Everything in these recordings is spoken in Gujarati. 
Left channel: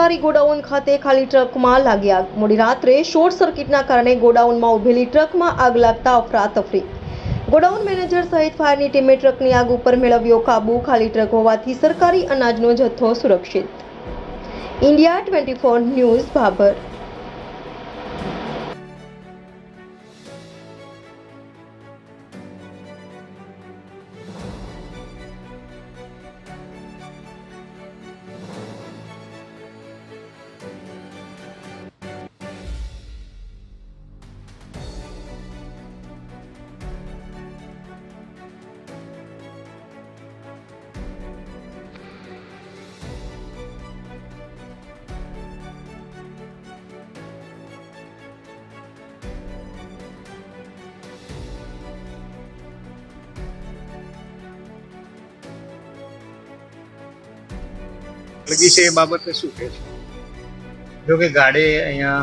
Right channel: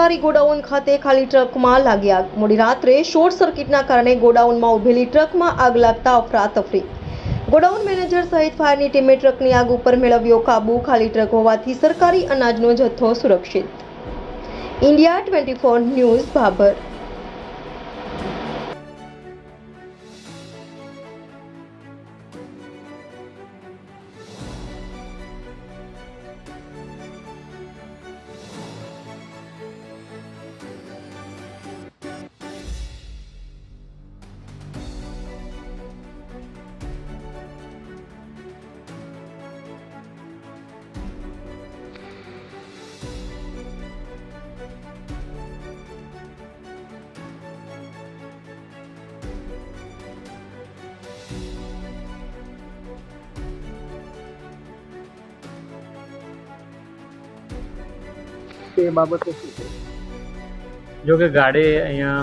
સરકારી ગોડાઉન ખાતે ખાલી ટ્રકમાં લાગી આગ। મોડી રાત્રે શોર્ટ સર્કિટના કારણે ગોડાઉનમાં ઉભેલી ટ્રકમાં આગ લાગતા અફરાતફરી। ગોડાઉન મેનેજર સહિત ફાયરની ટીમે ટ્રકની આગ ઉપર મેળવ્યો કાબુ। ખાલી ટ્રક હોવાથી સરકારી અનાજનો જથ્થો સુરક્ષિત। India 24 news Bhabar. લગી છે એ બાબતે શું કહે? જો કે ગાડી અહીંયા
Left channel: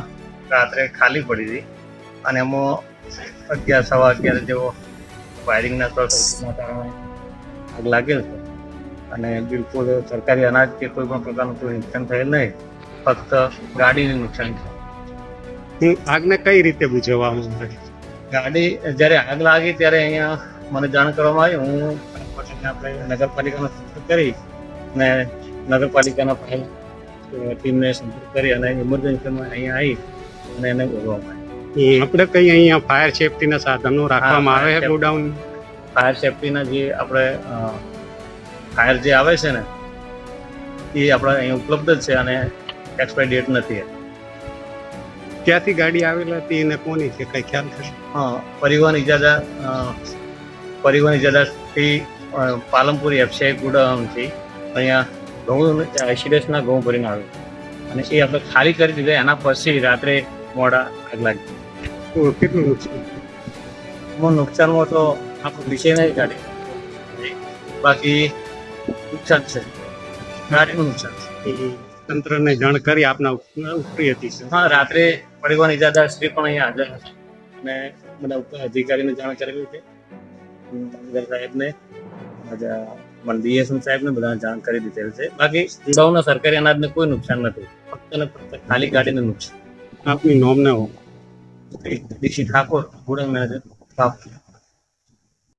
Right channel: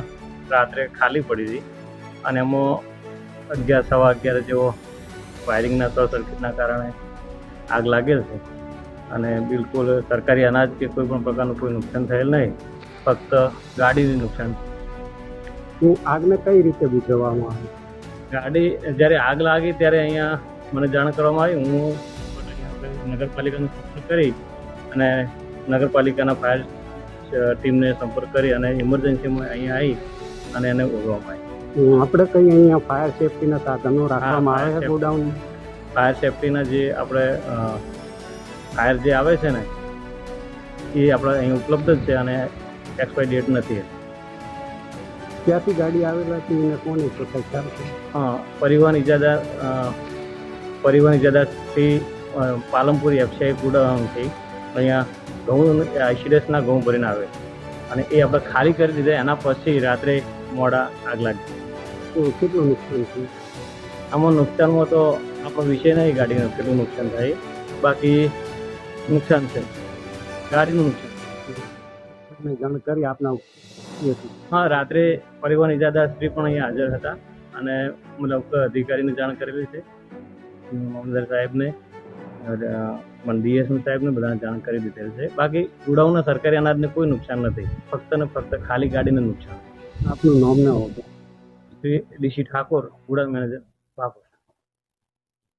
રાત્રે ખાલી પડી હતી અને એમાં 11 સવા 11 જેવો વાયરિંગના શોર્ટ સર્કિટના કારણે આગ લાગેલ છે અને બિલકુલ સરકારી અનાજ કે કોઈ પણ પ્રકારનું કોઈ નુકસાન થયેલ નહીં, ફક્ત ગાડીનું નુકસાન છે। આગને કઈ રીતે બુઝાવવામાં આવે? ગાડી જ્યારે આગ લાગી ત્યારે અહીંયા મને જાણ કરવામાં આવી। હું આપણે નગરપાલિકાનો સંપર્ક કરી અને નગરપાલિકાના ફાયર ટીમને સંપર્ક કરી અને ઇમરજન્સીમાં અહીંયા આવી અને એને ઓળવામાં આવી। આપણે કઈ અહીંયા ફાયર સેફટીના સાધનો રાખવામાં આવે છે ગોડાઉન? ફાયર સેફટીના જે આપણે ફાયર જે આવે છે ને એ આપણે અહીં ઉપલબ્ધ જ છે અને એક્સપાયરી ડેટ નથી। ક્યાંથી ગાડી આવેલી હતી અને કોની છે કઈ ખ્યાલ છે? હા, પરિવહન ઇજાદાથી પાલનપુર એફસીઆઈ ગોડાઉનથી અહીંયા ઘઉં આઈસીડીએસના ઘઉં ભરીને આવે અને એ આપણે ખાલી કરી દીધા। એના પછી રાત્રે મોડા આગ લાગી। તો કેટલું નુકસાન થયું? આમાં નુકસાનમાં તો આપણો વિષય નહીં ગાડીનું કેટલું નુકસાન થાય, બાકી નુકસાન છે, ગાડીનું નુકસાન છે। તંત્રને જાણ કરી આપના ઉપરી હતી? હા, રાત્રે પરિવહન ઇજાદાર શ્રી પણ અહીંયા હાજર હતા અને મતલબ અધિકારીને જાણ કરેલી છે, મામલતદાર સાહેબને, ડીએસએમ સાહેબને બધાને જાણ કરી દીધેલ છે। બાકી ગોડાઉનના સરકારી અનાજને કોઈ નુકસાન નથી, ફક્ત ને ફક્ત ખાલી ગાડીને નુકસાન। આપનું નામ ને ડીસી ઠાકોર, ગોડાઉન મેનેજર, બાપ।